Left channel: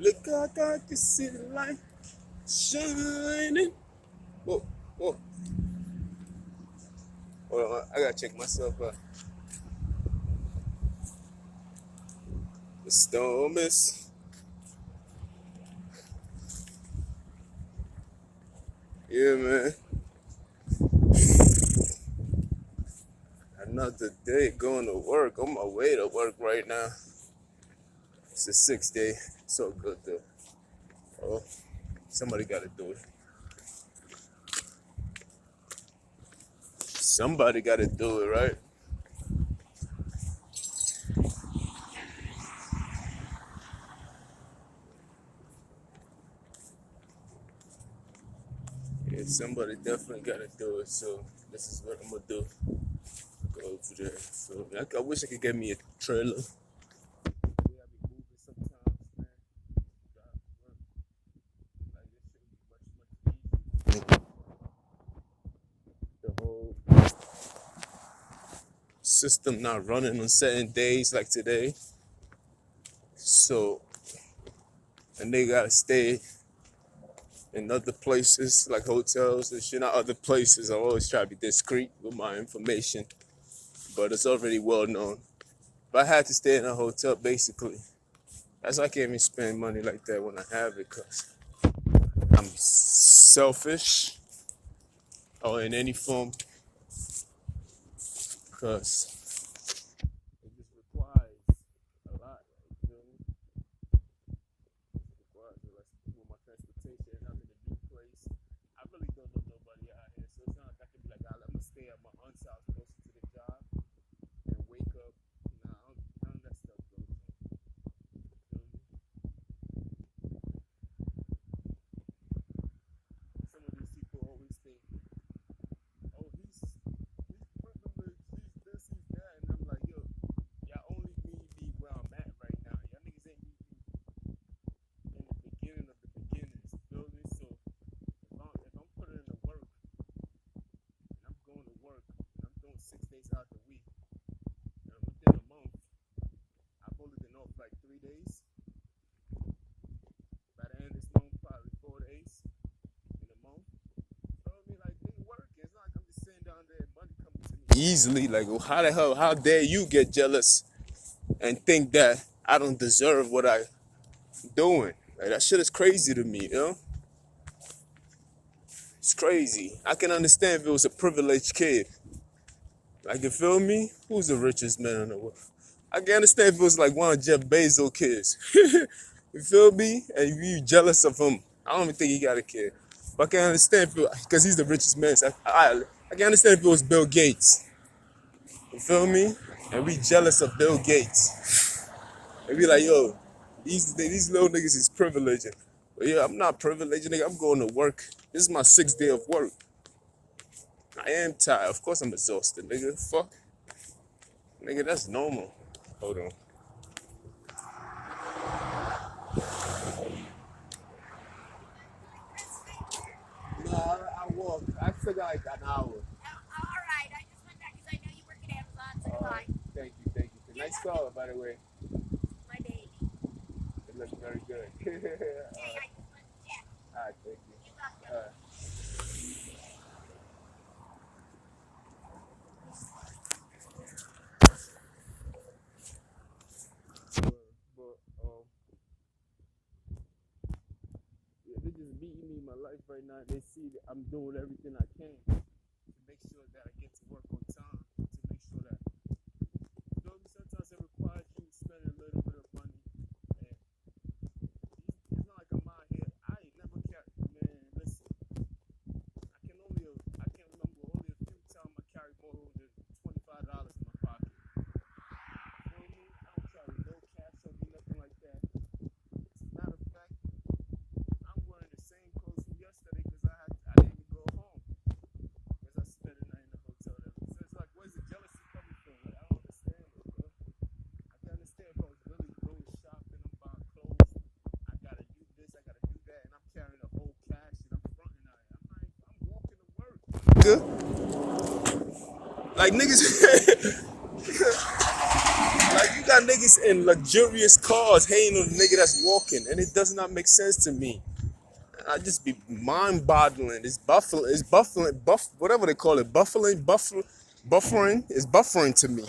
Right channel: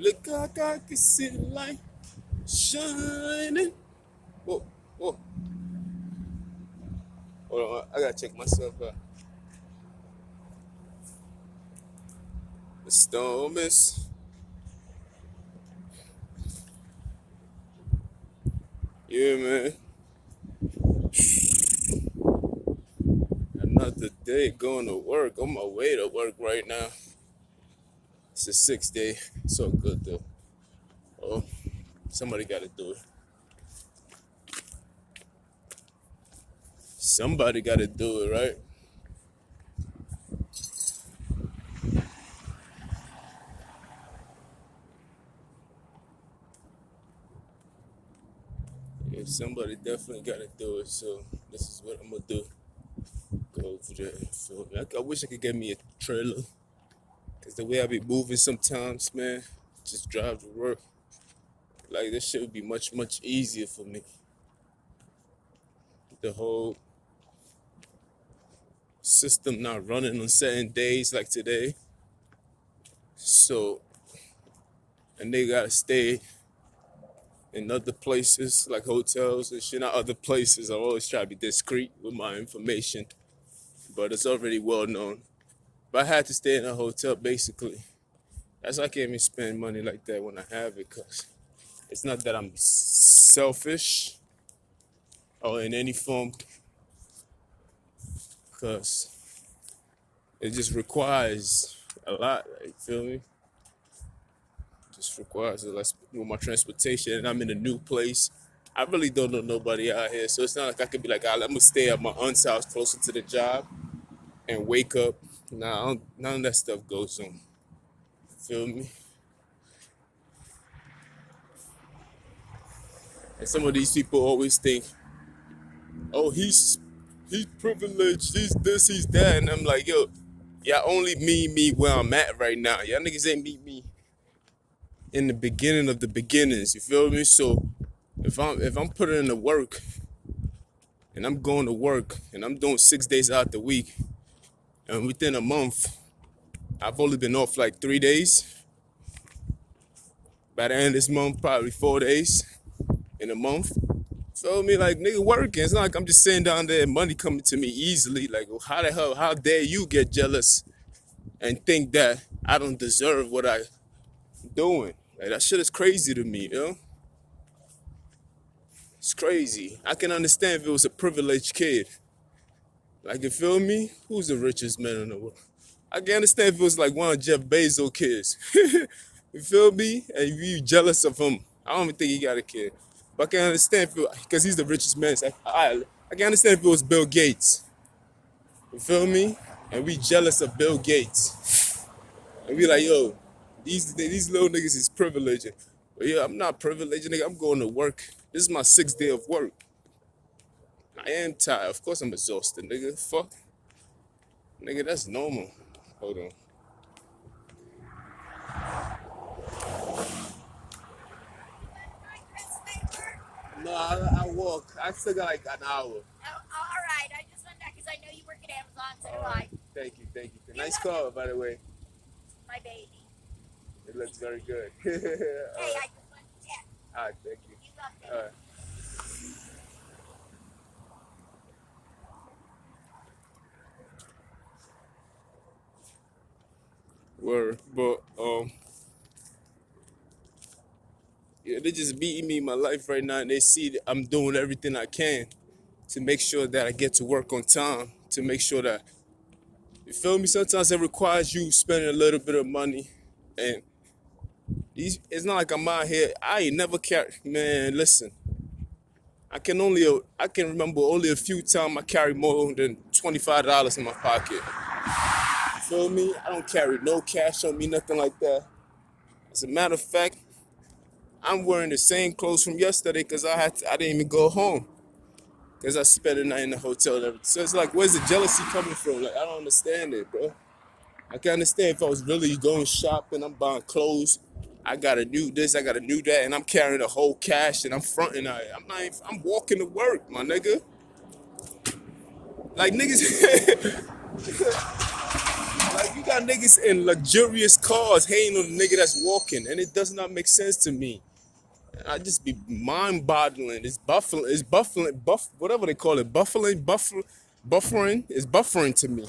Look like I can see the light shining. Whoa, whoa. Hold on, I gotta check myself out. The storm is. Yeah, man. Another day going to work. On my way to work right now. It's the 6th day. So good though. Oh, somebody gotta do it. Somebody gotta do it, right? Yeah, somebody definitely gotta do it. So this is what I'm gonna do. Go over there. So I wish I could get me a trailer. Cause the way I be moving sometimes, man, just drive to work. Like this shit would be much, much easier for me. The whole system not running on certain days like today. So, and they gotta stay in other places like hotels and shit. Not other places. I always try to be discreet with my information, but it's already well known. But I had to stay in a hotel basically. That's why I can't even spend money like that when I have it, cause it's not that I'm selfish or in any form, cause it just requires a lot. You feel me? Just requires a lot with my transportation, and I'm in a new place. I really don't know nobody out here, so it's not like I could be like, I'm gonna stay at my aunt's house closer to the job and wake up. Nah, none of that stuff goes on. Feel me? And some of these people always think, oh, he's privileged, he's this, he's that, and I'm like, yo, y'all only meet me where I'm at right now. Y'all niggas ain't meet me in the beginning of the beginnings. You feel me? So if I'm putting in the work and I'm going to work and I'm doing 6 days out the week, and within a month, I've only been off like 3 days. By the end of this month, probably 4 days in a month. Feel me? Like, nigga working. It's not like I'm just sitting down there and money coming to me easily. Like, well, how the hell, how dare you get jealous and think that I don't deserve what I'm doing? Like, that shit is crazy to me, you know? It's crazy. I can understand if it was a privileged kid. Like, you feel me? Who's the richest man in the world? I can understand if it was like one of Jeff Bezos' kids. You feel me? And you jealous of him. I don't even think he got a kid. But I can understand because he's the richest man. So I can understand if it was Bill Gates. You feel me? And we jealous of Bill Gates. And be like, yo, these little niggas is privileged. But yeah, I'm not privileged, nigga. I'm going to work. This is my 6th day of work. I am tired. Of course I'm exhausted, nigga. Fuck. Nigga, that's normal. Hold on. No, I walk. I still got like an hour. All right, I just went back because I know you work at Amazon, so do I. Thank you, thank you. Nice car, by the way. My baby. It looks very good. Hey, I just went to check. All right, thank you. You got All that. right. Word, but yeah, they just beating me in my life right now, and they see that I'm doing everything I can to make sure that I get to work on time. To make sure that you feel me. Sometimes it requires you spending a little bit of money, and it's not like I'm out here. I ain't never carry. Man, listen. I can remember only a few times I carried more than $25 in my pocket. You feel me? I don't carry no cash on me, nothing like that. As a matter of fact, I'm wearing the same clothes from yesterday because I didn't even go home because I spent the night in the hotel and everything. So it's like, where's the jealousy coming from? Like, I don't understand it, bro. I can understand if I was really going shopping, I'm buying clothes, I got a new this, I got a new that, and I'm carrying the whole cash and I'm fronting out. I'm walking to work, my nigga. Like, niggas, like, got niggas in luxurious cars hating on the nigga that's walking, and it does not make sense to me. I just be mind-boggling. Whatever they call it, buffering. It's buffering to me.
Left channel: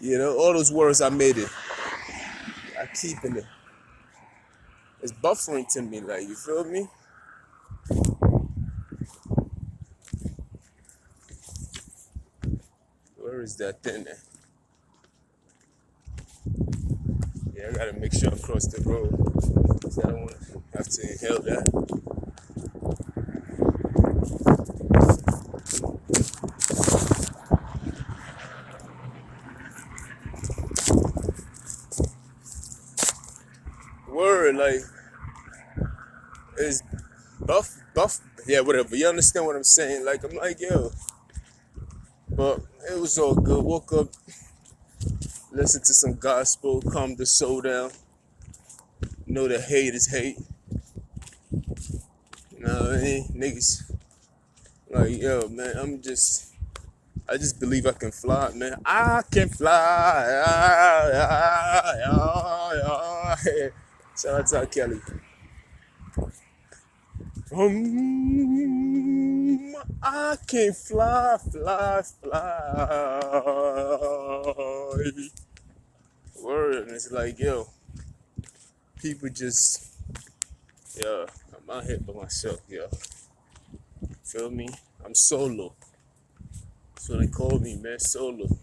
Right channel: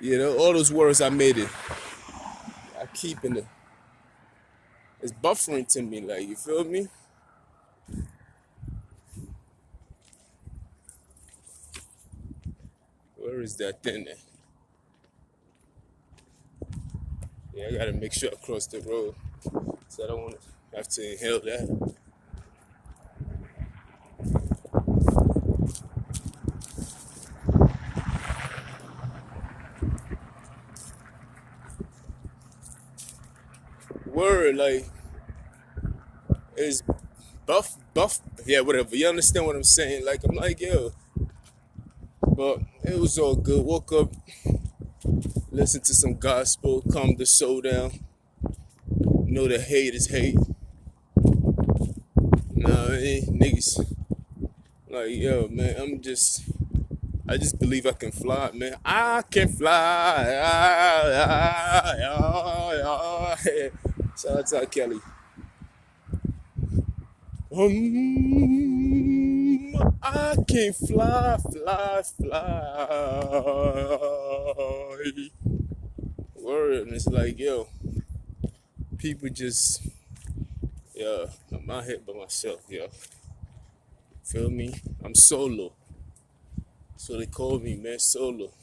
You know, all those words I made it, I keep in it. It's buffering to me, like, you feel me? Where is that thing at? Yeah, I gotta make sure I cross the road. So I don't want to have to inhale that. Word, like, it's yeah, whatever. You understand what I'm saying? Like, I'm like, yo. But it was all good. Woke up, listened to some gospel, calmed the soul down. Know that hate is hate. You know what I mean? Niggas, like, yo, man, I just believe I can fly, man. I can fly. Shout out to R. Kelly. I can fly, fly, fly. Word, and it's like, yo, people just, yeah, I'm out here by myself, yo. Feel me? I'm solo. That's what they call me, man, solo.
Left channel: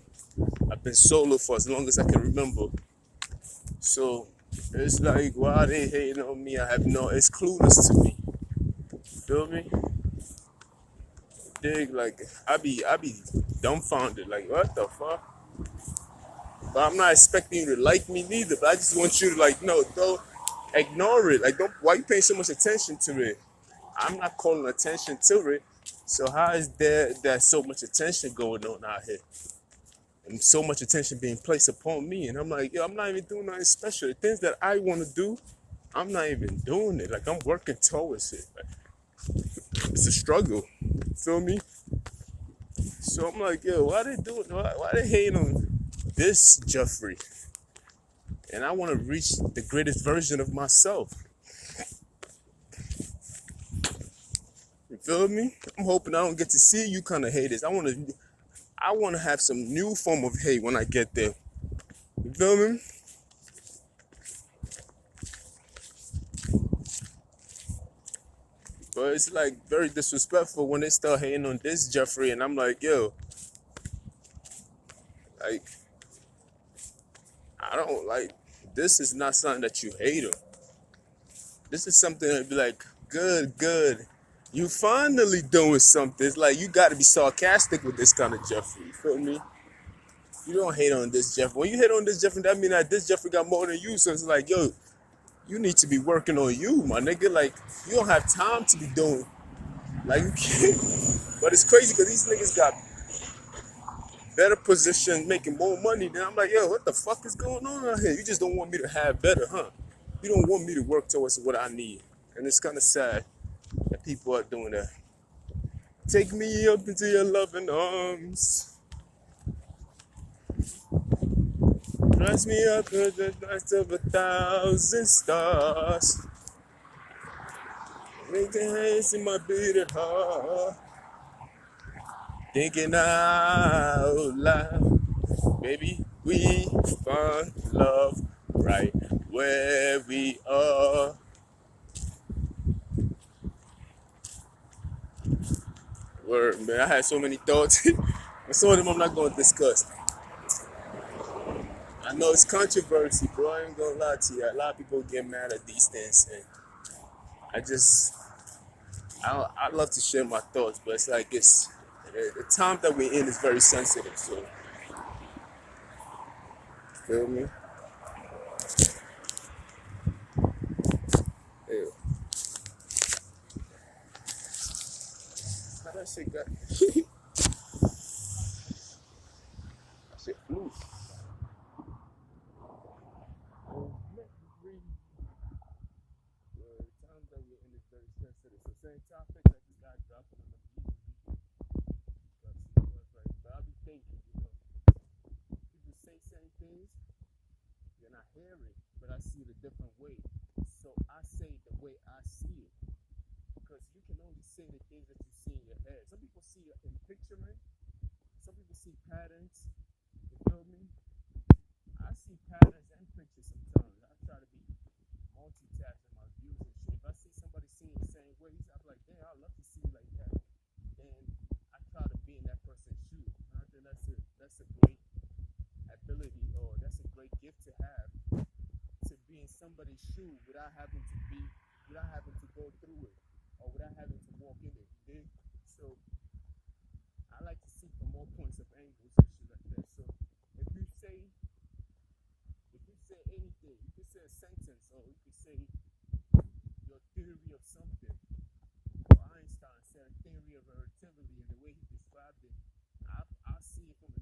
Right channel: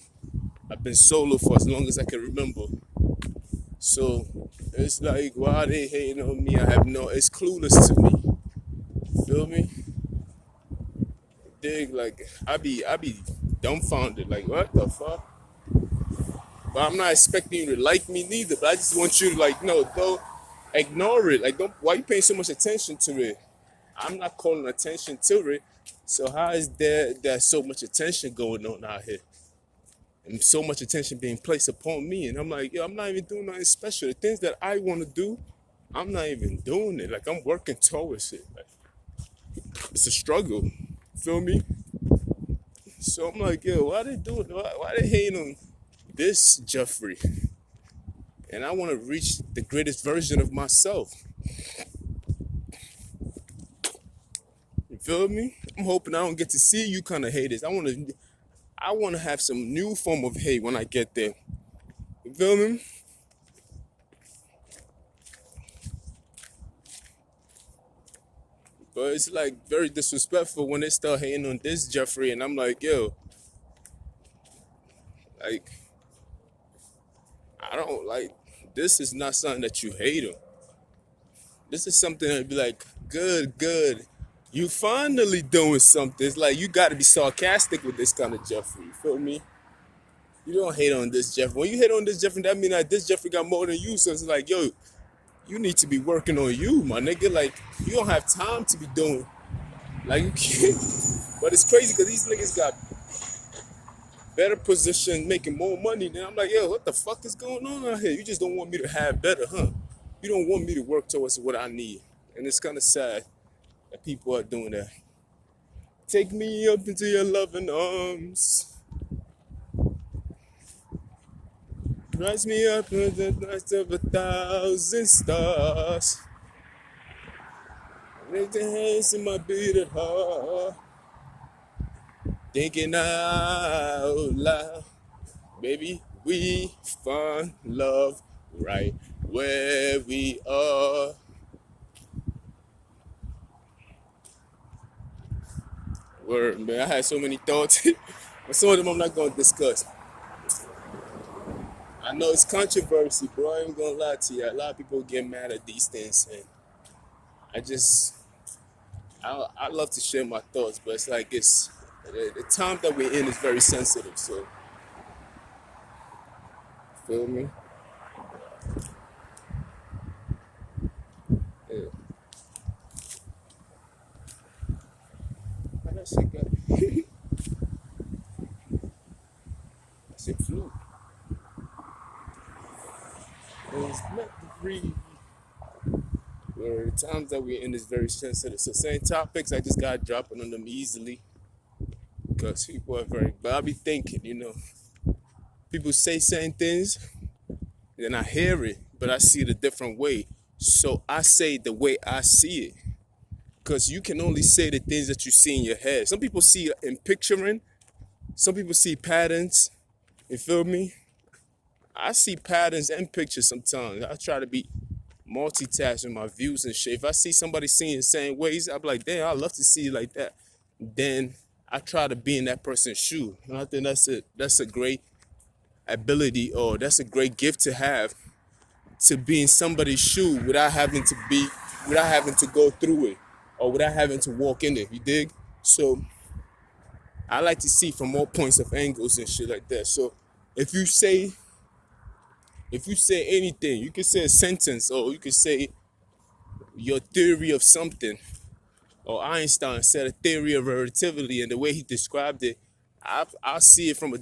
I've been solo for as long as I can remember. So it's like, why they hating on me? It's clueless to me. Feel me? Dig, like, I be dumbfounded, like, what the fuck? But I'm not expecting you to like me neither, but I just want you to, like, no, don't ignore it. Like, why you paying so much attention to it? I'm not calling attention to it. So how is there's so much attention going on out here? And so much attention being placed upon me. And I'm like, yo, I'm not even doing nothing special. The things that I want to do, I'm not even doing it. Like, I'm working towards it. Like, it's a struggle. Feel me? So I'm like, yo, why they hating on this Jeffrey? And I want to reach the greatest version of myself. You feel me? I'm hoping I don't get to see you kind of haters. I want to have some new form of hate when I get there. You feel me? But it's like very disrespectful when they start hating on this Jeffrey, and I'm like, yo, like, I don't like, this is not something that you hate on. This is something that'd be like, good. You finally doing something. It's like, you got to be sarcastic with this kind of Jeffrey. You feel me? You don't hate on this Jeffrey. When you hate on this Jeffrey, that means that this Jeffrey got more than you. So it's like, yo, you need to be working on you, my nigga. Like, you don't have time to be doing. Like, you can't. But it's crazy because these niggas got better position, making more money. Then I'm like, yo, what the fuck is going on out here? You just don't want me to have better, huh? You don't want me to work towards what I need. And it's kind of sad that people are doing that. Take me up into your loving arms. Rise me up to the night of 1,000 stars. Making hands in my beating heart. Thinking out loud. Baby, we find love right where we are. Word, man. I had so many thoughts. But some of them I'm not going to discuss. I know it's controversy, bro. I ain't gonna lie to you. A lot of people get mad at these things. And I love to share my thoughts, but it's like the time that we're in is very sensitive. So, feel me? Ew. How that shit got I said flu. It's meant to breathe. Where the times that we're in is very sensitive. So same topics, I just got dropping on them easily. Because people are very, but I be thinking, people say certain things, and I hear it, but I see it a different way. So I say the way I see it. Because you can only say the things that you see in your head. Some people see in picturing, some people see patterns. You feel me? I see patterns and pictures sometimes. I try to be multitasking my views and shit. If I see somebody seeing the same ways, I'm like, damn, I love to see it like that. Then I try to be in that person's shoe. And I think that's a great ability, or that's a great gift to have, to be in somebody's shoe without having to go through it, or without having to walk in it. You dig? So I like to see from all points of angles and shit like that. So if you say anything, you can say a sentence, or you can say your theory of something, or Einstein said a theory of relativity, and the way he described it, I see it from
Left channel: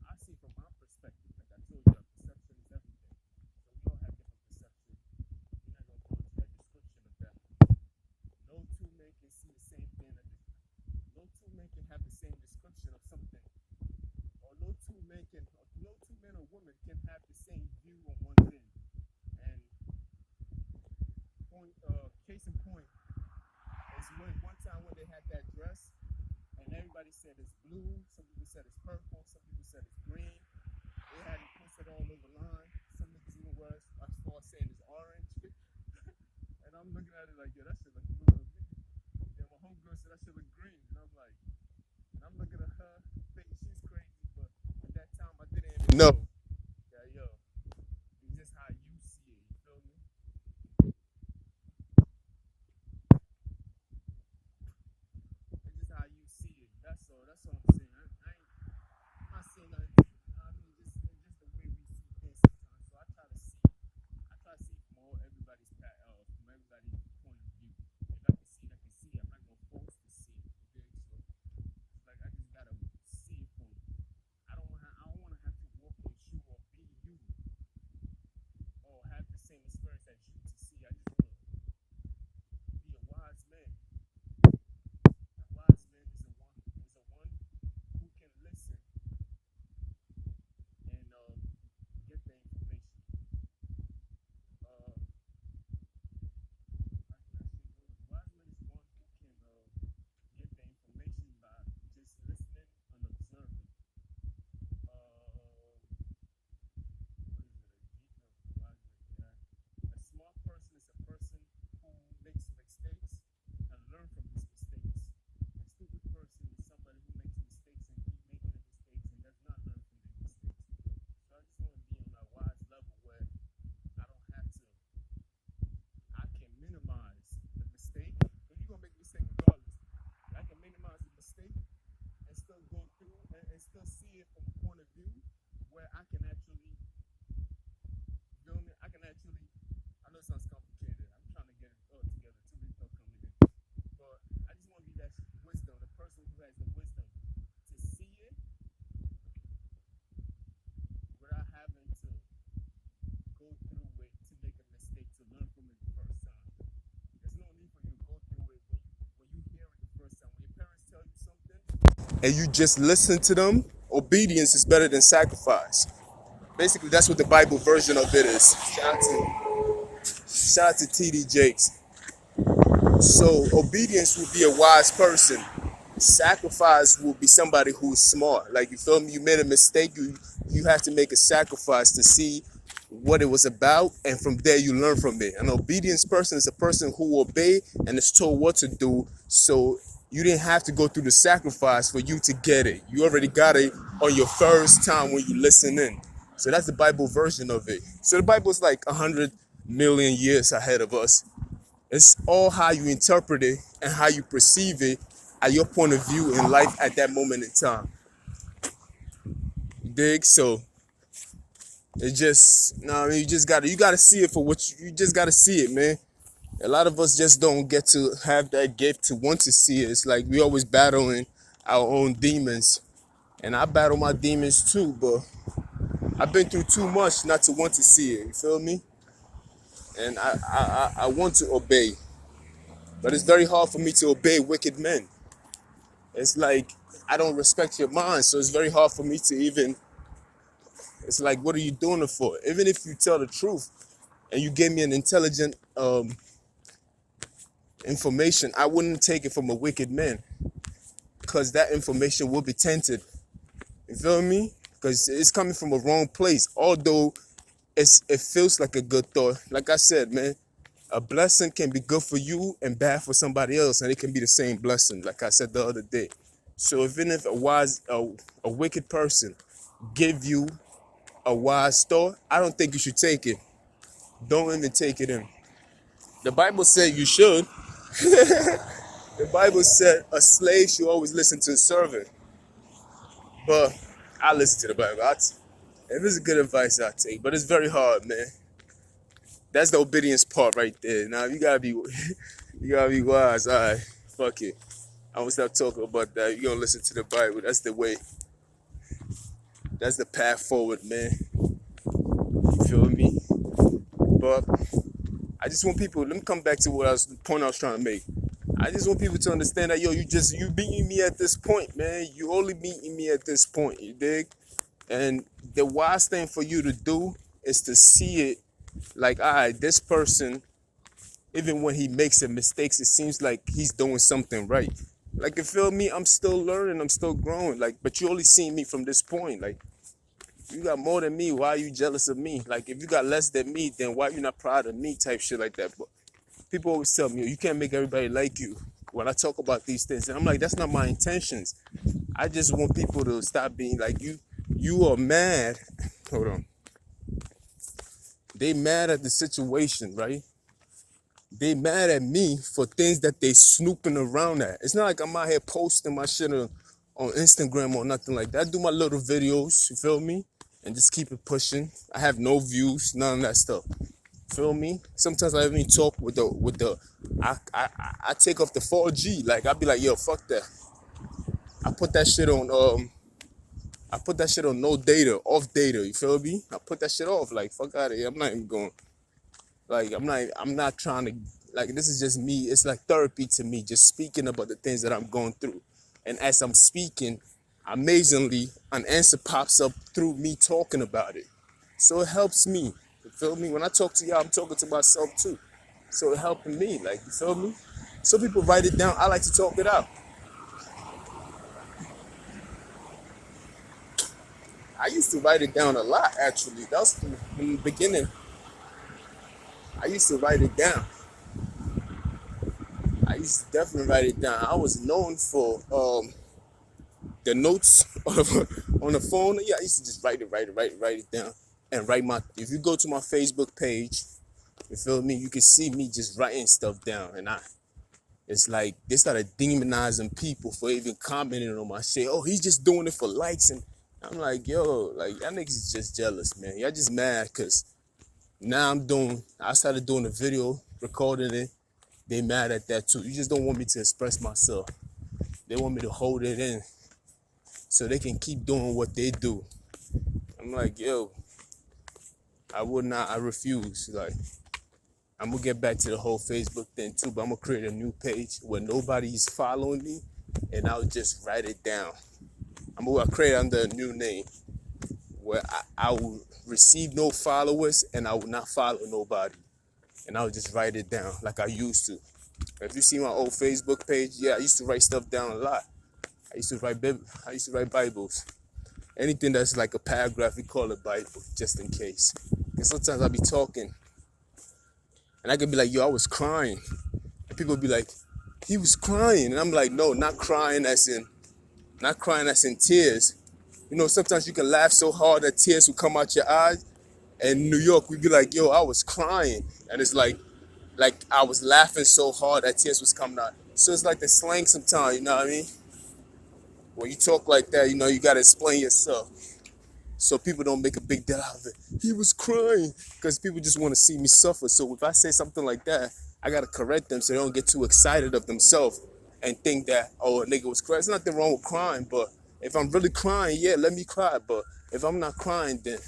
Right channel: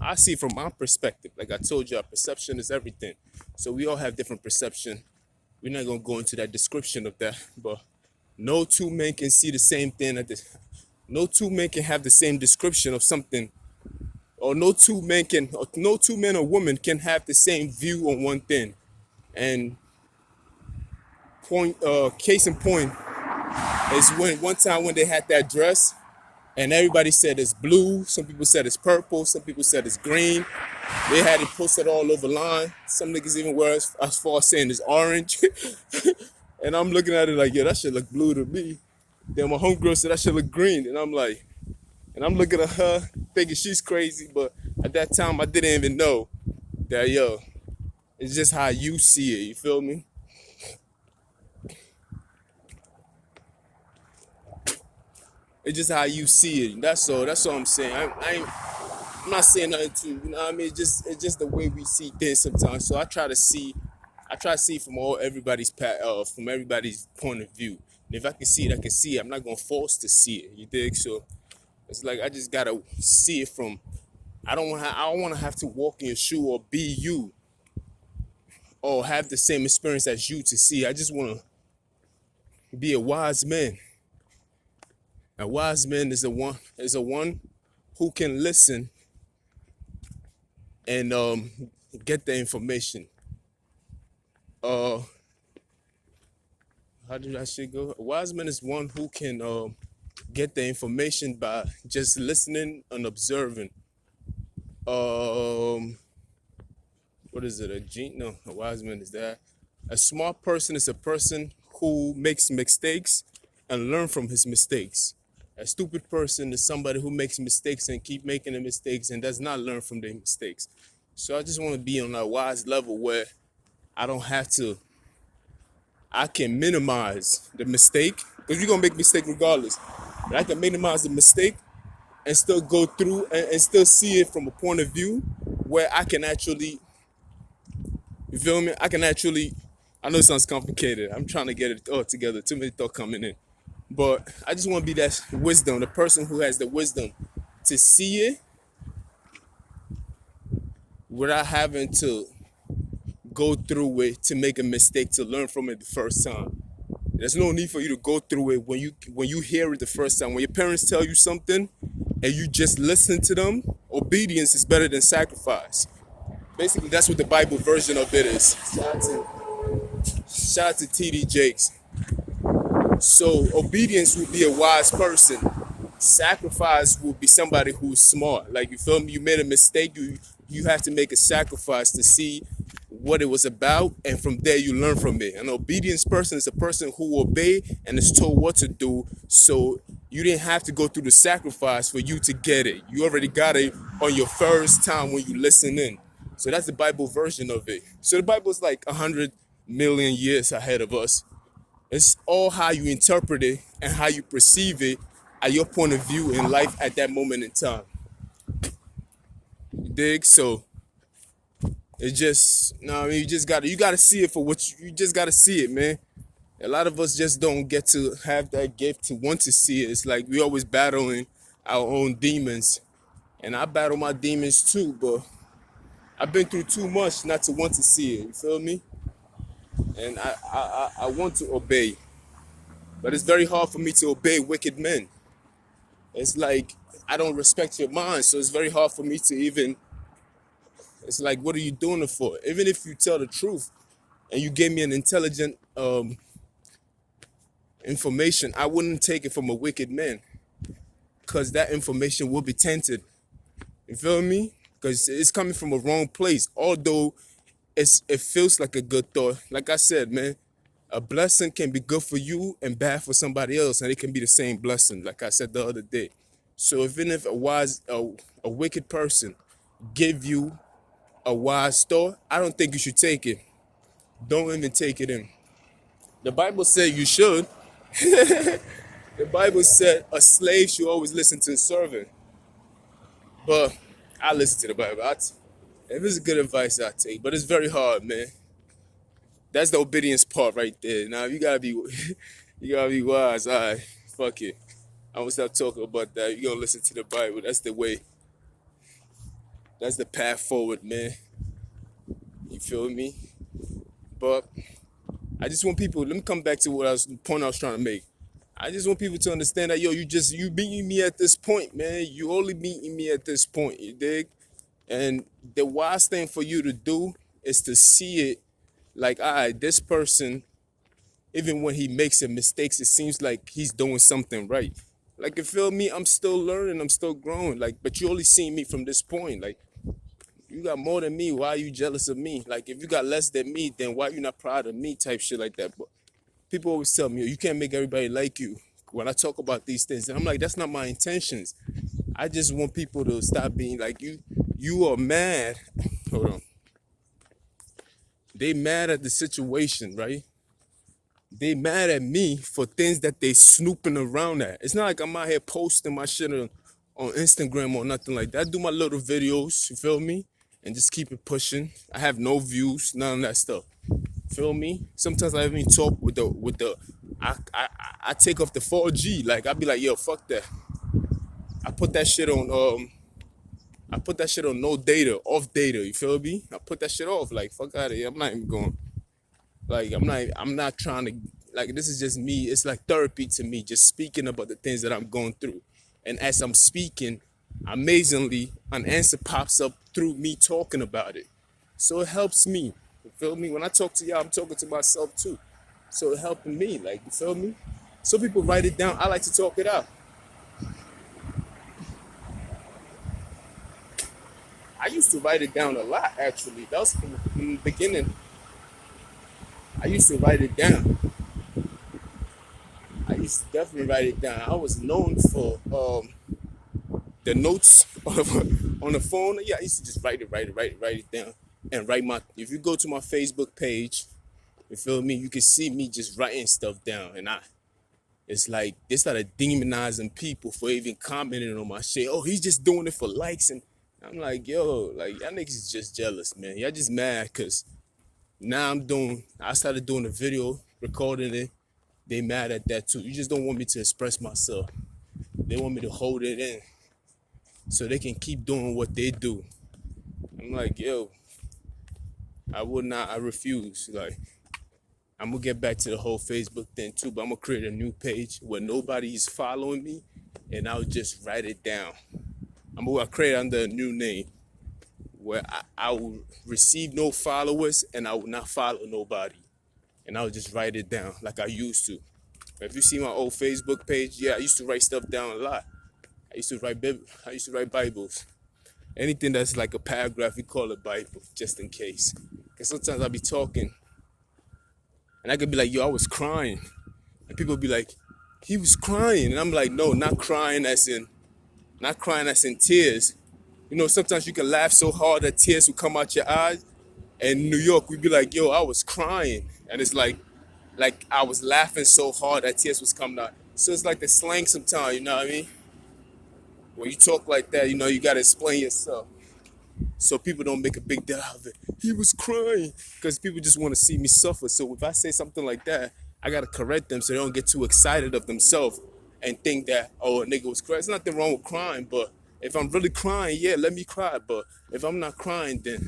I see it from my perspective. Like I told you, our perception is everything. So we all have different perception. We're not gonna go into that description of that, but no two men can see the same thing no two men can have the same description of something, or no two men or women can have the same view on one thing. And case in point is when one time when they had that dress, and everybody said it's blue, some people said it's purple, some people said it's green. They had it posted all over line. Some niggas even were as far as saying it's orange. And I'm looking at it like, yeah, that should look blue to me. Then my homegirl said that should look green. And I'm like, and I'm looking at her thinking she's crazy, but at that time I didn't even know that, yo, it's just how you see it, you feel me? It's just how you see it. That's all I'm saying. I'm not saying nothing to you know what I mean. It's just the way we see things sometimes. So I try to see from from everybody's point of view. And if I can see it, I can see it. I'm not gonna force to see it. You dig? So it's like I just gotta see it from. I don't want to have to walk in your shoe or be you, or have the same experience as you to see. I just want to be a wise man. A wise man is a one who can listen and get the information. Uh, how did that shit go? A wise man is one who can get the information by just listening and observing. Um, what is it? No, a wise man is that. A smart person is a person who makes mistakes and learn from his mistakes. A stupid person is somebody who makes mistakes and keep making the mistakes and does not learn from their mistakes. So I just want to be on a wise level where I don't have to, I can minimize the mistake, because you're going to make mistake regardless. But I can minimize the mistake and still go through and still see it from a point of view where I can actually, you feel me? I know it sounds complicated. I'm trying to get it all together. Too many thoughts coming in. But I just want to be that wisdom, the person who has the wisdom to see it without having to go through it to make a mistake to learn from it the first time. There's no need for you to go through it when you hear it the first time. When your parents tell you something and you just listen to them, obedience is better than sacrifice. Basically, that's what the Bible version of it is. Shout out to TD Jakes. So obedience will be a wise person. Sacrifice will be somebody who's smart. Like, you feel me? You made a mistake. You have to make a sacrifice to see what it was about, and from there you learn from it. An obedience person is a person who obey and is told what to do. So you didn't have to go through the sacrifice for you to get it. You already got it on your first time when you listen in. So that's the Bible version of it. So the Bible is like 100 million years ahead of us. It's all how you interpret it and how you perceive it at your point of view in life at that moment in time. You dig? So it just, no, I mean, you gotta see it for what you just gotta see it, man. A lot of us just don't get to have that gift to want to see it. It's like we always battling our own demons. And I battle my demons too, but I've been through too much not to want to see it. You feel me? And I want to obey. But it's very hard for me to obey wicked men. It's like I don't respect your mind, so it's very hard for me to even It's like, what are you doing it for? Even if you tell the truth and you gave me an intelligent information, I wouldn't take it from a wicked man, because that information will be tainted. You feel me? Because it's coming from a wrong place. Although it feels like a good thought. Like I said, man, a blessing can be good for you and bad for somebody else, and it can be the same blessing, like I said the other day. So even if a wicked person give you a wise thought, I don't think you should take it. Don't even take it in. The Bible said you should. The Bible said a slave should always listen to a servant. But I listen to the Bible. If it's good advice, I take. But it's very hard, man. That's the obedience part right there. Now you gotta be, you gotta be wise. All right, fuck it. I'm gonna stop talking about that. You gonna listen to the Bible. That's the way. That's the path forward, man. You feel me? But I just want people. Let me come back to the point I was trying to make. I just want people to understand that, yo, you beating me at this point, man. You only beating me at this point. You dig? And the wise thing for you to do is to see it like, all right, this person, even when he makes a mistakes, it seems like he's doing something right. Like, you feel me? I'm still learning. I'm still growing. Like, but you only see me from this point. Like, you got more than me. Why are you jealous of me? Like, if you got less than me, then why you not proud of me? Type shit like that. But people always tell me, you can't make everybody like you. When I talk about these things, and I'm like, that's not my intentions. I just want people to stop being like, you are mad. Hold on. They mad at the situation, right? They mad at me for things that they snooping around at. It's not like I'm out here posting my shit on Instagram or nothing like that. I do my little videos, you feel me? And just keep it pushing. I have no views, none of that stuff. Feel me? Sometimes I even talk with the I take off the 4G. Like, I be like, yo, fuck that. I put that shit on no data, off data, you feel me? I put that shit off, like, fuck out of here. I'm not even going, like, I'm not trying to, like, this is just me. It's like therapy to me, just speaking about the things that I'm going through. And as I'm speaking, amazingly, an answer pops up through me talking about it. So it helps me, you feel me? When I talk to y'all, I'm talking to myself too. So it helping me, like, you feel me? Some people write it down. I like to talk it out. I used to write it down a lot, actually. That was from the beginning. I used to write it down. I used to definitely write it down. I was known for the notes on the phone. Yeah, I used to just write it down. And if you go to my Facebook page, you feel me, you can see me just writing stuff down. And it's like, they started demonizing people for even commenting on my shit. Oh, he's just doing it for likes. And I'm like, yo, like, y'all niggas is just jealous, man. Y'all just mad because now I started doing a video, recording it. They mad at that too. You just don't want me to express myself. They want me to hold it in so they can keep doing what they do. I'm like, yo, I refuse. Like, I'm gonna get back to the whole Facebook thing too, but I'm gonna create a new page where nobody's following me, and I'll just write it down. I'm gonna create under a new name where I will receive no followers and I will not follow nobody. And I'll just write it down like I used to. If you see my old Facebook page, yeah, I used to write stuff down a lot. I used to write Bibles. Anything that's like a paragraph, we call it Bible, just in case. And sometimes I'll be talking, and I could be like, yo, I was crying. And people be like, he was crying. And I'm like, no, not crying as in tears. You know, sometimes you can laugh so hard that tears will come out your eyes. And in New York, we'd be like, yo, I was crying. And it's like I was laughing so hard that tears was coming out. So it's like the slang sometimes, you know what I mean? When you talk like that, you know, you got to explain yourself. So people don't make a big deal out of it. He was crying. Because people just want to see me suffer. So if I say something like that, I got to correct them so they don't get too excited of themselves and think that, oh, a nigga was crying. There's nothing wrong with crying, but if I'm really crying, yeah, let me cry. But if I'm not crying, then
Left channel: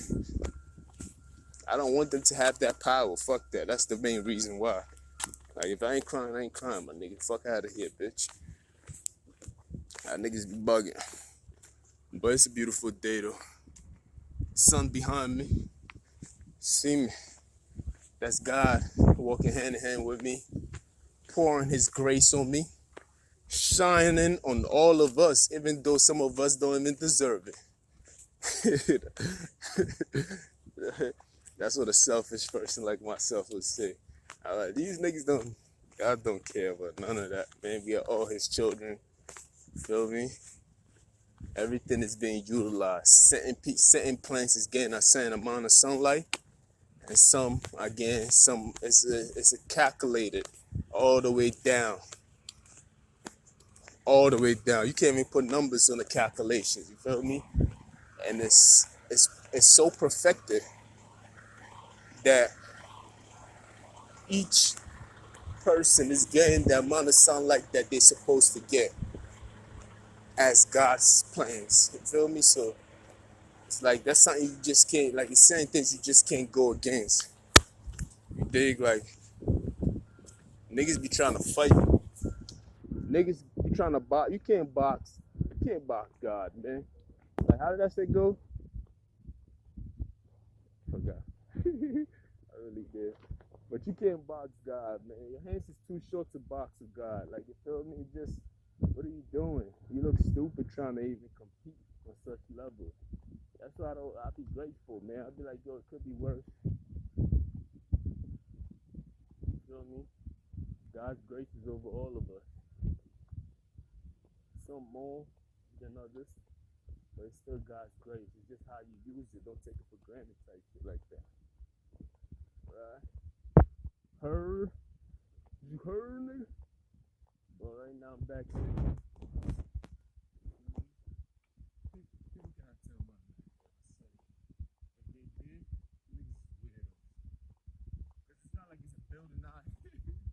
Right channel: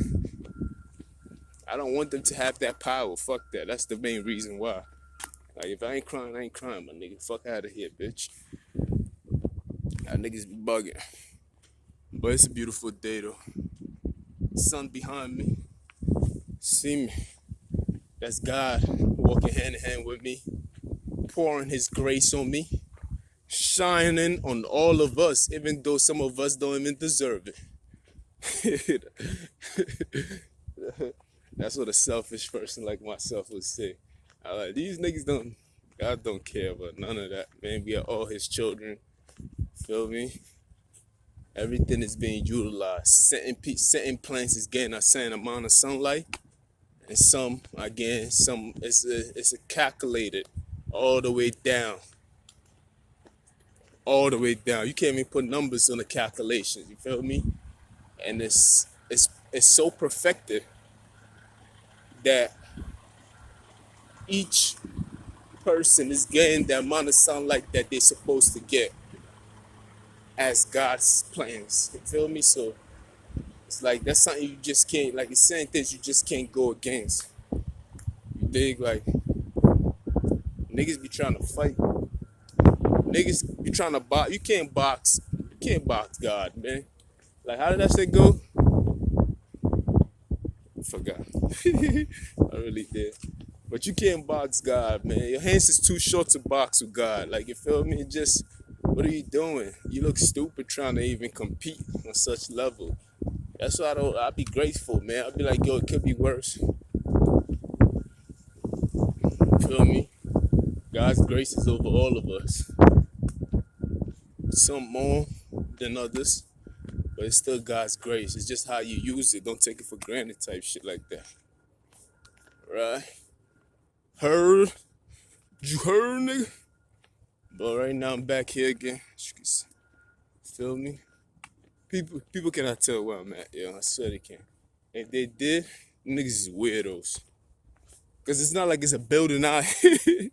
I don't want them to have that power. Fuck that. That's the main reason why. Like, if I ain't crying, my nigga. Fuck out of here, bitch. That niggas be bugging. But it's a beautiful day, though. sun behind me. See me? That's God walking hand in hand with me, pouring His grace on me, shining on all of us, even though some of us don't even deserve it. That's what a selfish person like myself would say. I like these niggas don't. God don't care about none of that, man. We are all His children. Feel me? Everything is being utilized. Certain plants is getting a certain amount of sunlight, and some again, some it's a calculated all the way down, all the way down. You can't even put numbers on the calculations. You feel me? And it's so perfected that each person is getting the amount of sunlight that they're supposed to get as God's plans. You feel me? So it's like that's something you just can't, like it's certain things you just can't go against. You dig? Like niggas be trying to fight. Niggas be trying to box. You can't box. You can't box God, man. Like how did that shit go? I forgot. I really did. But you can't box God, man. Your hands is too short to box with God. Like, you feel me? Just, what are you doing? You look stupid trying to even compete on such level. That's why I'll be grateful, man. I'll be like, yo, it could be worse. Feel me? God's grace is over all of us. Some more than others, but it's still God's grace. It's just how you use it. Don't take it for granted type shit like that. Right? Heard? You heard, nigga? But right now I'm back here again. Feel me? People cannot tell where I'm at, yo. I swear they can't. If they did, niggas is weirdos. Cause it's not like it's a building out here.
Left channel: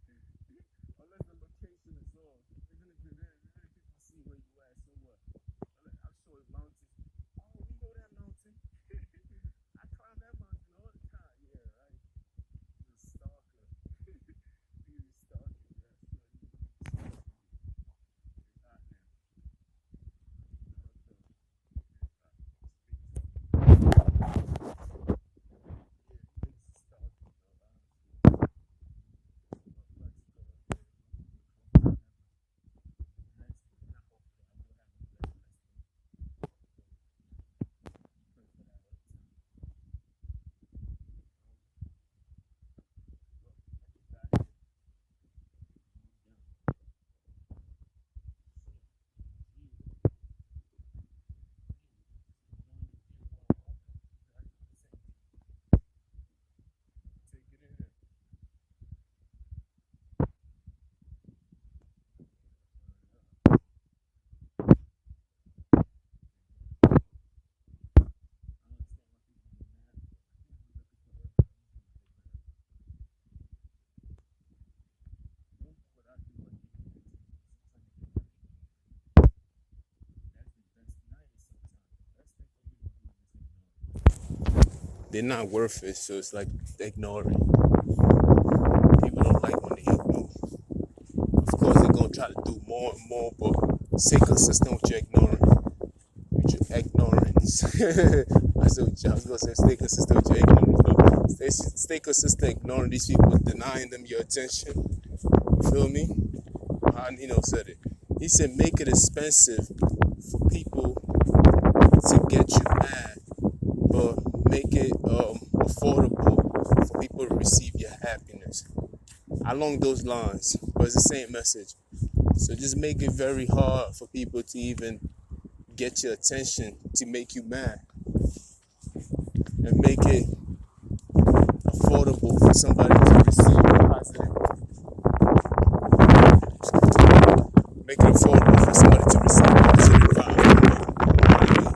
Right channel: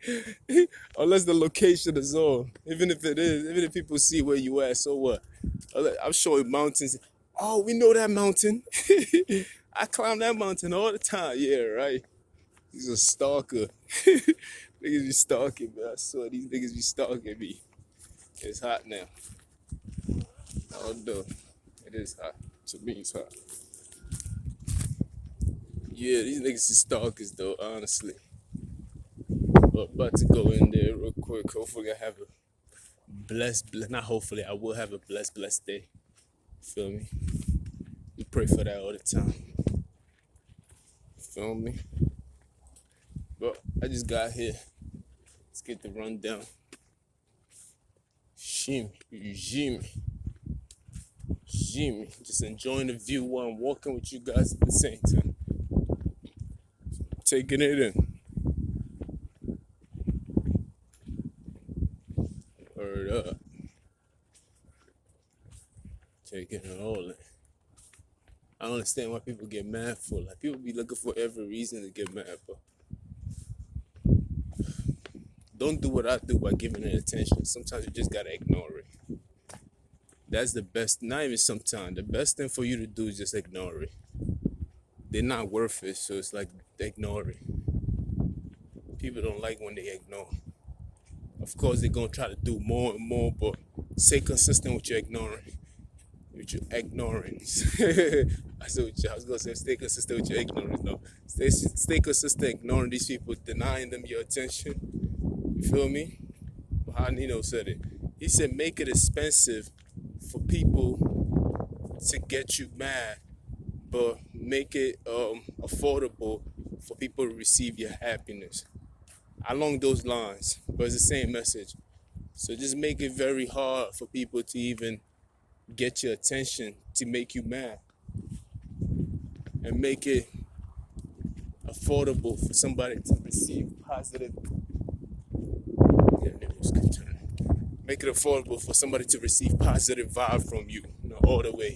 Unless the location is on. Even if it is, even if people see where you at, so what? I'm showing mountains. Oh, we know that mountain. I climb that mountain all the time. Yeah, right. He's a stalker. Niggas be stalking me. I swear these niggas be stalking me. It's hot now. Oh no. It is hot. To me it's hot. Yeah, these niggas is stalkers though, honestly. But about to go in there real quick. Hopefully I have a not hopefully, I will have a blessed day. Feel me? We pray for that all the time. Feel me? But I just got here. Let's get the rundown. Jimmy. Just enjoying the view while I'm walking with you guys at the same time. Taking it in. Word up. Taking it all in. I don't understand why people get mad for. Like, people be looking for every reason to get mad for. Don't do what I do by giving it attention. Sometimes you just gotta ignore it. That's the best, not even sometimes. The best thing for you to do is just ignore it. They're not worth it, so it's like ignore it. People don't like when they ignore. Of course, they're gonna try to do more and more, but stay consistent with your ignoring. With your ignorance. I was gonna say stay consistent with your ignorance. No, stay consistent ignoring these people, denying them your attention. You feel me? How Nino said it. He said, make it expensive for people to get you mad, but make it affordable for people to receive your happiness. Along those lines, but it's the same message. So just make it very hard for people to even get your attention, to make you mad, and make it affordable for somebody to receive positive. Make it affordable for somebody to receive positive vibes from you. Anyway,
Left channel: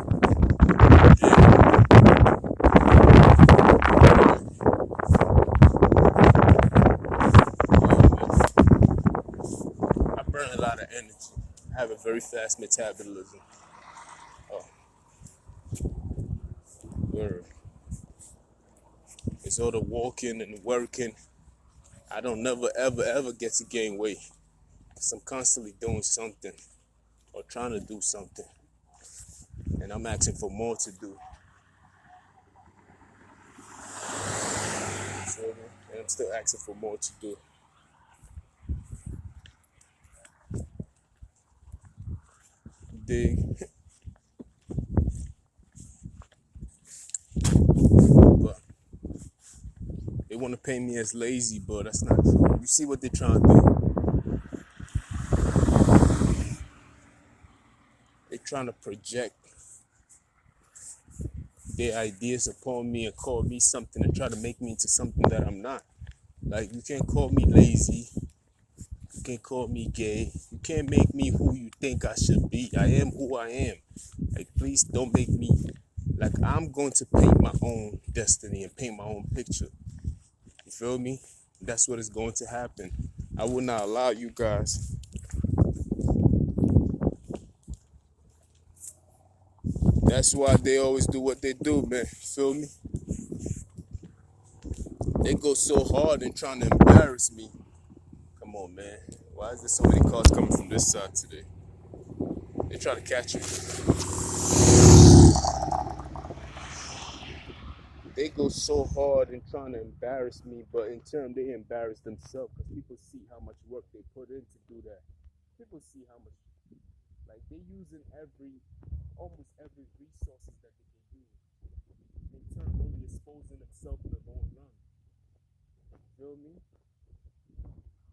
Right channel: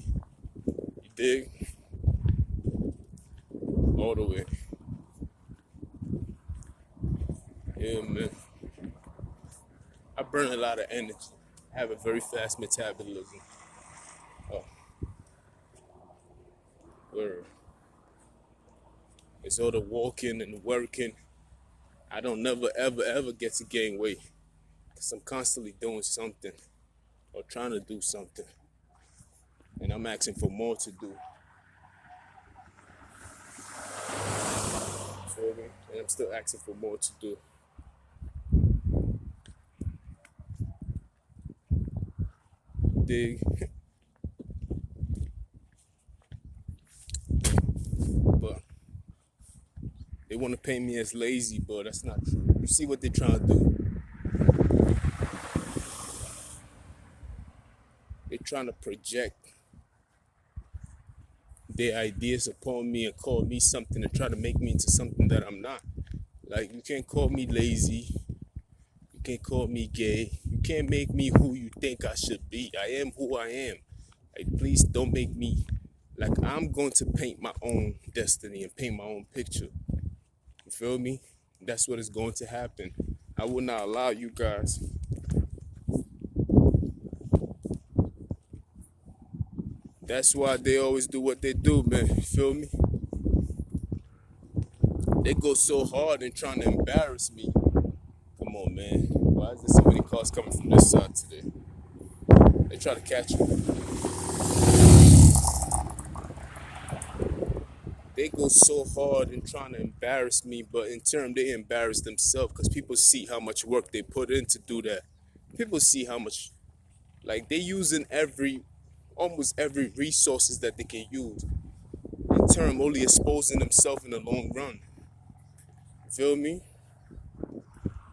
I burn a lot of energy. I have a very fast metabolism. Oh, word. It's all the walking and working. I don't never ever get to gain weight. Because I'm constantly doing something or trying to do something. And I'm asking for more to do. I'm still asking for more to do. Dig. But they want to paint me as lazy, but that's not true. You see what they're trying to do? They're trying to project their ideas upon me and call me something and try to make me into something that I'm not. Like, you can't call me lazy. You can't call me gay. You can't make me who you think I should be. I am who I am. Like, please don't make me, like, I'm going to paint my own destiny and paint my own picture. You feel me? That's what is going to happen. I will not allow you guys. That's why they always do what they do, man. You feel me? They go so hard in trying to embarrass me. Come on, man. Why is there so many cars coming from this side today? They try to catch you. They go so hard in trying to embarrass me, but in turn, they embarrass themselves because people see how much work they put in to do that. People see how much, like, they using almost every resources that they can use. In turn, only exposing themselves in the long run. Feel me?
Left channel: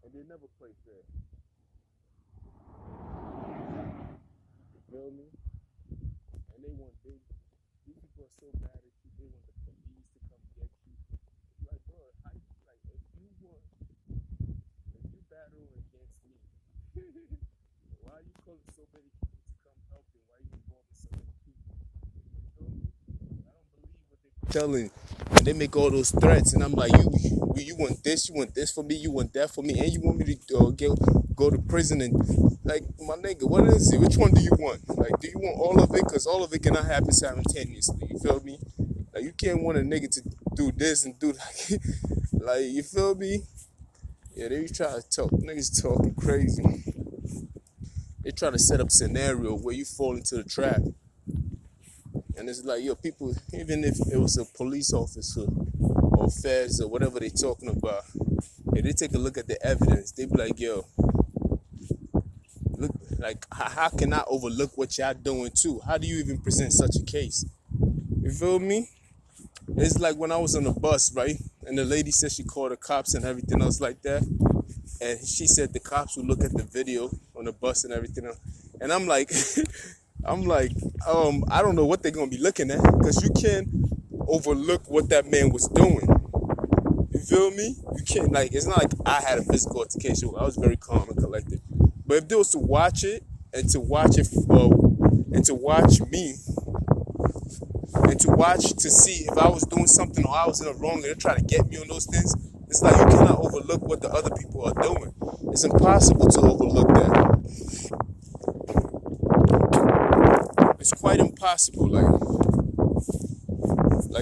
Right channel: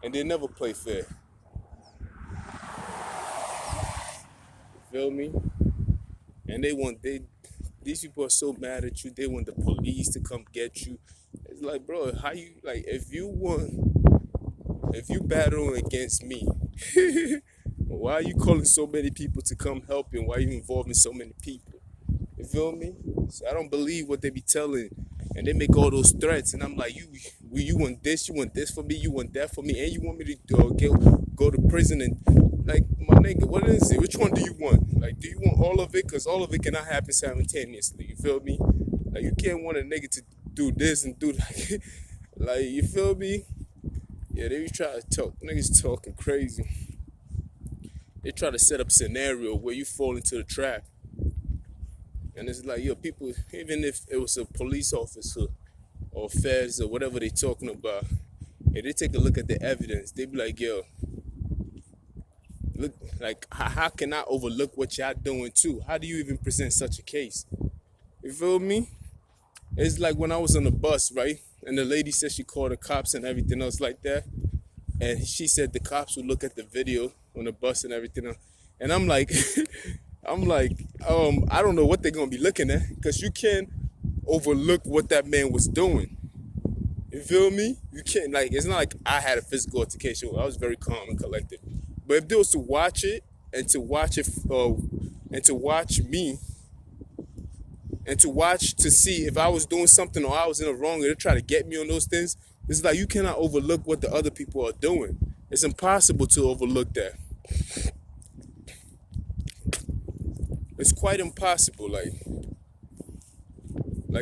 And they never play fair. Feel me? And these people are so mad at you, they want the police to come get you. It's like, bro, how you, like, if you battling against me, why are you calling so many people to come help you? And why are you involving so many people? You feel me? So I don't believe what they be telling. And they make all those threats. And I'm like, you want this for me, you want that for me, and you want me to go to prison. And, like, my nigga, what is it? Which one do you want? Like, do you want all of it? Because all of it cannot happen simultaneously. You feel me? Like, you can't want a nigga to do this and do that. Like, you feel me? Yeah, they try to talk. Niggas talking crazy. They try to set up scenario where you fall into the trap. And it's like, yo, people, even if it was a police officer or feds or whatever they talking about, hey, they take a look at the evidence. They be like, yo, look, like, how can I overlook what y'all doing too? How do you even present such a case? You feel me? It's like when I was on the bus, right? And the lady said she called the cops and everything else like that. And she said the cops would look at the video on the bus and everything else. And I'm like, I don't know what they're gonna be looking at, because you can't overlook what that man was doing. You feel me? You can't, like, it's not like I had a physical altercation. I was very calm and collected. But if they was to watch it and to watch it, and to watch me, and to watch to see if I was doing something or I was in the wrong, and they try to get me on those things, it's like you cannot overlook what the other people are doing. It's impossible to overlook that. It's quite impossible. Like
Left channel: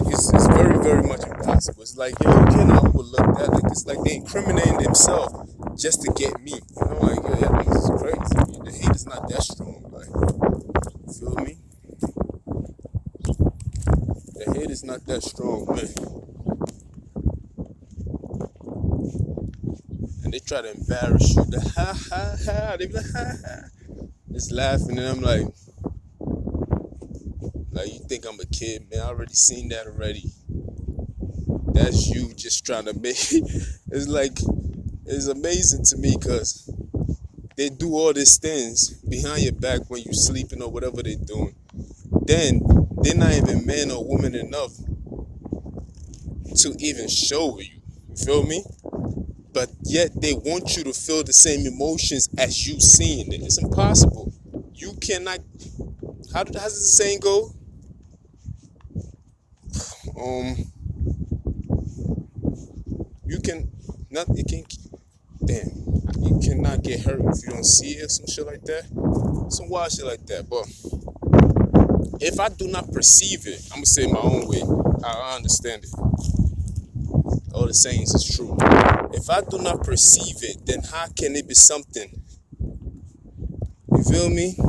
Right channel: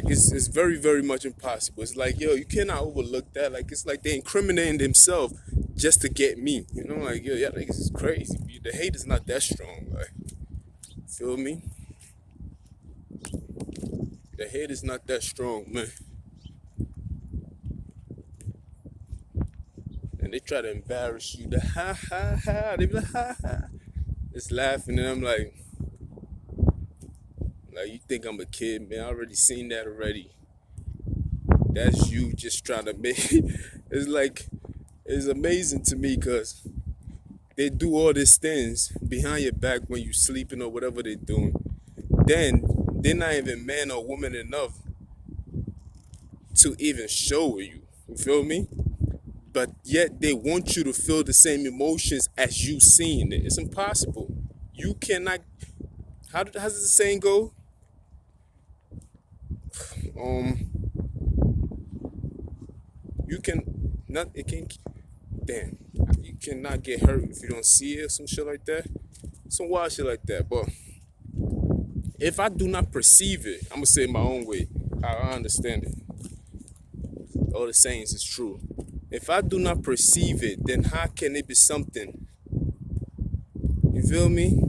it's very, very much impossible. It's like, yo, you cannot overlook that. Like, it's like they incriminating themselves just to get me. You know, like, yo, y'all niggas is crazy. The hate is not that strong. Like, feel me? The hate is not that strong, man. And they try to embarrass you. The ha ha ha. They be like, ha ha. Just laughing, and I'm like, you think I'm a kid, man? I already seen that already. That's you just trying to make. It's like, it's amazing to me because they do all these things behind your back when you're sleeping or whatever they're doing. Then they're not even man or woman enough to even show you. You feel me? But yet they want you to feel the same emotions as you seeing it. It's impossible. You cannot. How does the saying go? You can not. It can. Damn. You cannot get hurt if you don't see it or some shit like that. Some wild shit like that. But if I do not perceive it, I'm gonna say it my own way, how I understand it. All the sayings is true. If I do not perceive it, then how can it be something? You feel me?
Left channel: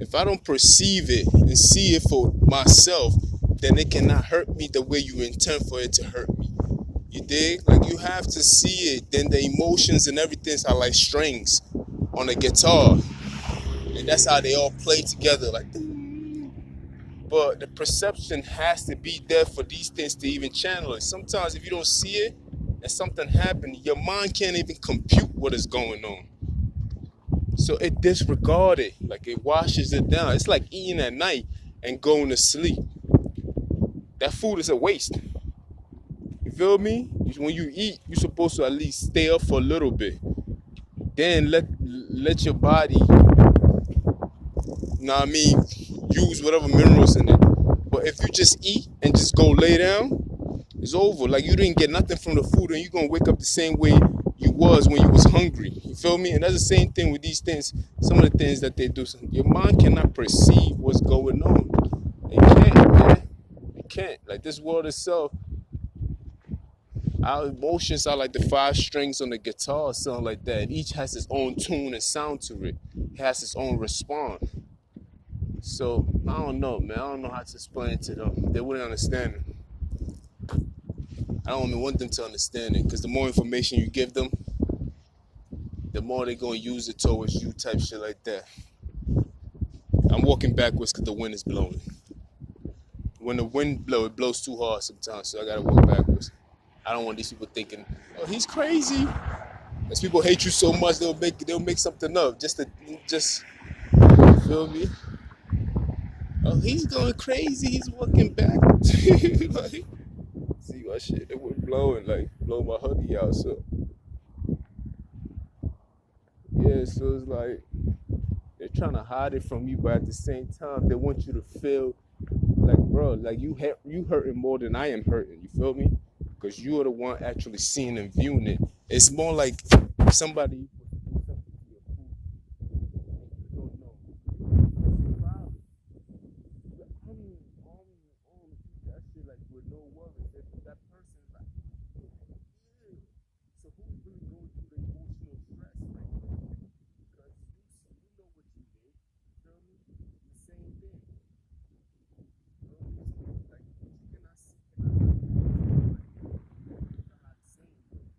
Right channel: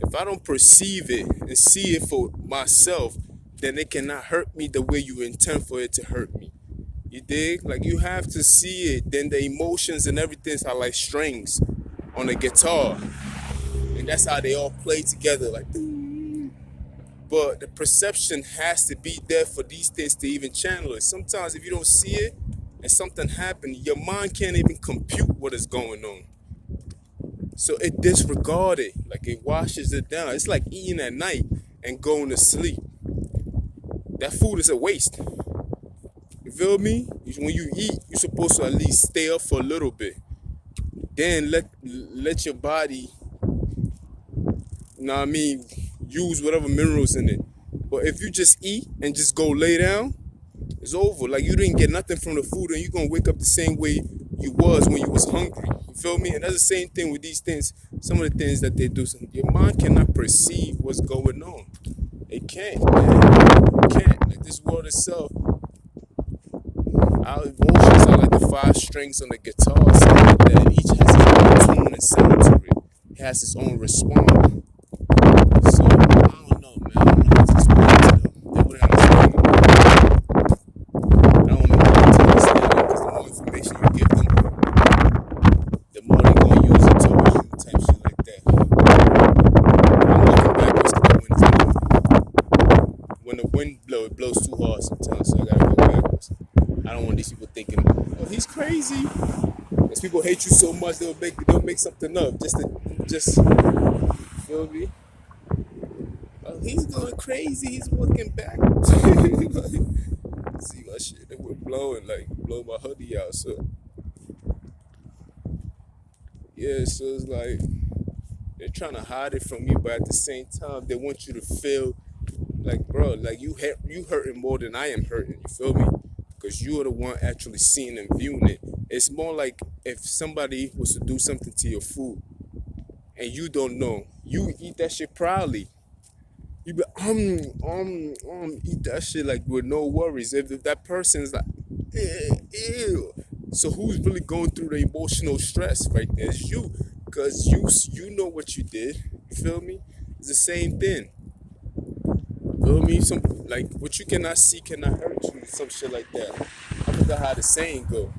If I don't perceive it and see it for myself, then it cannot hurt me the way you intend for it to hurt me. You dig? Like you have to see it. Then the emotions and everything are like strings on a guitar, and that's how they all play together. Like, but the perception has to be there for these things to even channel it. Sometimes if you don't see it and something happened, your mind can't even compute what is going on. So it disregards it, like it washes it down. It's like eating at night and going to sleep. That food is a waste. You feel me? When you eat, you're supposed to at least stay up for a little bit. Then let your body, you know what I mean, use whatever minerals in it. But if you just eat and just go lay down, it's over. Like you didn't get nothing from the food, and you're gonna wake up the same way you was when you was hungry. You feel me? And that's the same thing with these things. Some of the things that they do, your mind cannot perceive what's going on. It can't, man. It can't. Like this world itself, our emotions are like the five strings on the guitar, something like that. Each has its own tune and sound to it. It has its own response. So I don't know, man. I don't know how to explain it though. They wouldn't understand it. I don't know how to understand it because the more information you give them, the more they're gonna use it towards you, type shit like that. I'm walking backwards because the wind is blowing. When the wind blows, it blows too hard sometimes, so I gotta walk backwards. I don't want these people thinking, "Oh, he's crazy." Because people hate you so much, they'll make something up just feel me. Oh, he's going crazy. He's walking backwards. Like, see my shit, it was blowing, like blow my hoodie out. So yeah, so it's like they're trying to hide it from you, but at the same time, they want you to feel like, bro, like you hurting more than I am hurting. You feel me? Because you are the one actually seeing and viewing it. It's more like if somebody was to do something to your food and you don't know, you eat that shit proudly. You be eat that shit like with no worries. If that person's like, ew. So who's really going through the emotional stress right there? It's you, cause you know what you did. You feel me? It's the same thing. You feel me? Some like what you cannot see cannot hurt you. Some shit like that. I forgot how the saying go.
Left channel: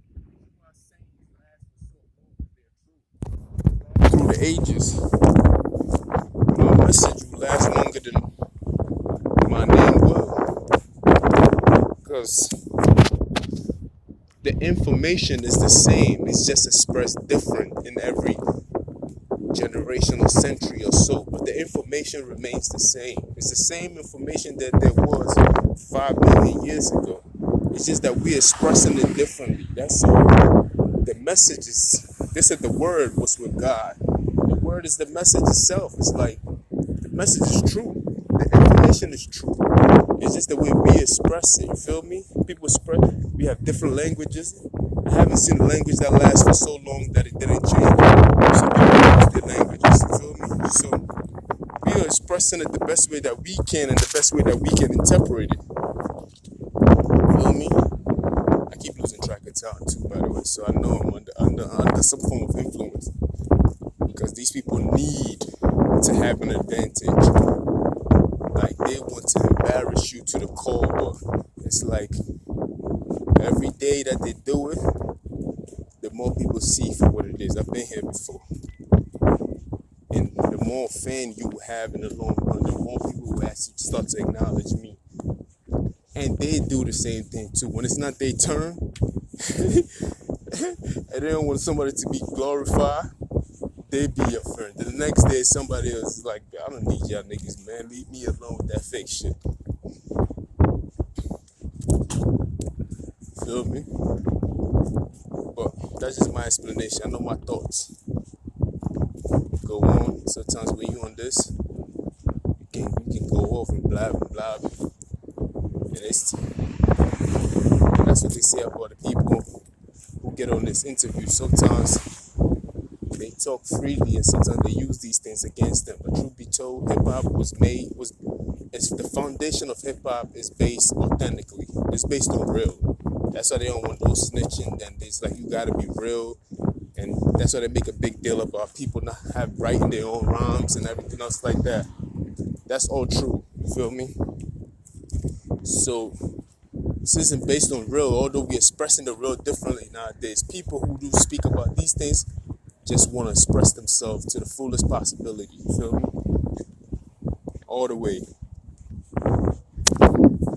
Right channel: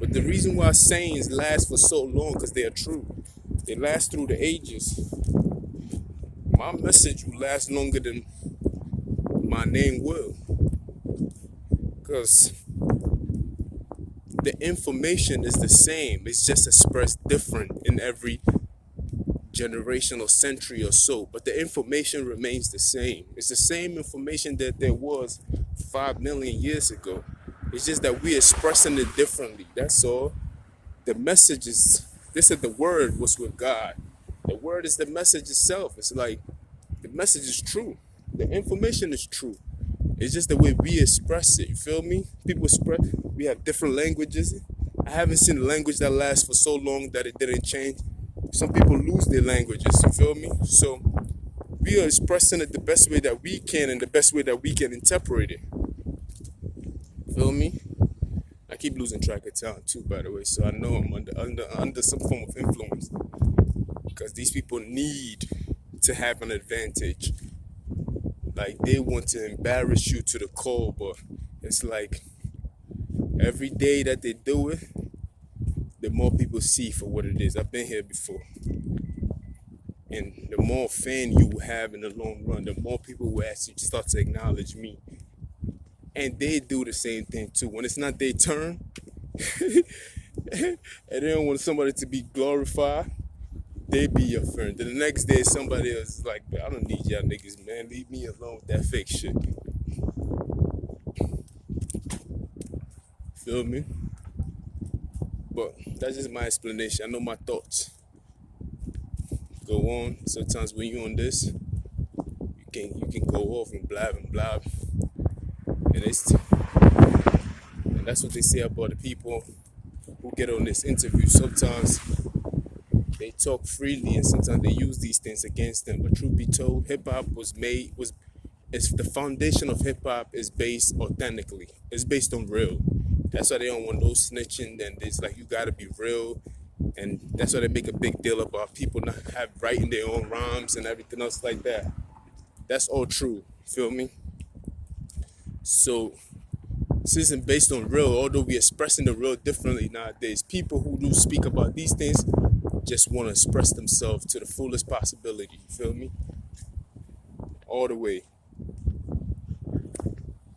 But the reason why sayings last for so long, cause they are true. They last through the ages. My message will last longer than my name will. Because the information is the same. It's just expressed different in every generation or century or so. But the information remains the same. It's the same information that there was 5 million years ago. It's just that we're expressing it differently. That's all. The message is, they said the word was with God. The word is the message itself. It's like, the message is true. The information is true. It's just the way we express it. You feel me? People express. We have different languages. I haven't seen a language that lasts for so long that it didn't change. Some people use their languages. You feel me? So we are expressing it the best way that we can and the best way that we can interpret it. Feel me? I keep losing track of time too, by the way. So I know I'm under some form of influence because these people need to have an advantage. Like they want to embarrass you to the core, but it's like every day that they do it, the more people see for what it is. I've been here before. And the more fan you have in the long run, the more people will actually start to acknowledge me. And they do the same thing too. When it's not their turn, and they don't want somebody to be glorified, they be your friend. Then the next day, somebody else is like, I don't need y'all niggas, man. Leave me alone with that fake shit. Feel me? But that's just my explanation. I know my thoughts go on. Sometimes when you're on this, you can go off and blab and blab. And that's what they say about the people who get on this interview. Sometimes they talk freely and sometimes they use these things against them. But truth be told, hip hop it's the foundation of hip hop is based authentically. It's based on real. That's why they don't want no snitching, and it's like you gotta be real. And that's why they make a big deal about people not writing their own rhymes and everything else like that. That's all true. You feel me? So This isn't based on real, although we're expressing the real differently nowadays. People who do speak about these things just want to express themselves to the fullest possibility. You feel me? All the way.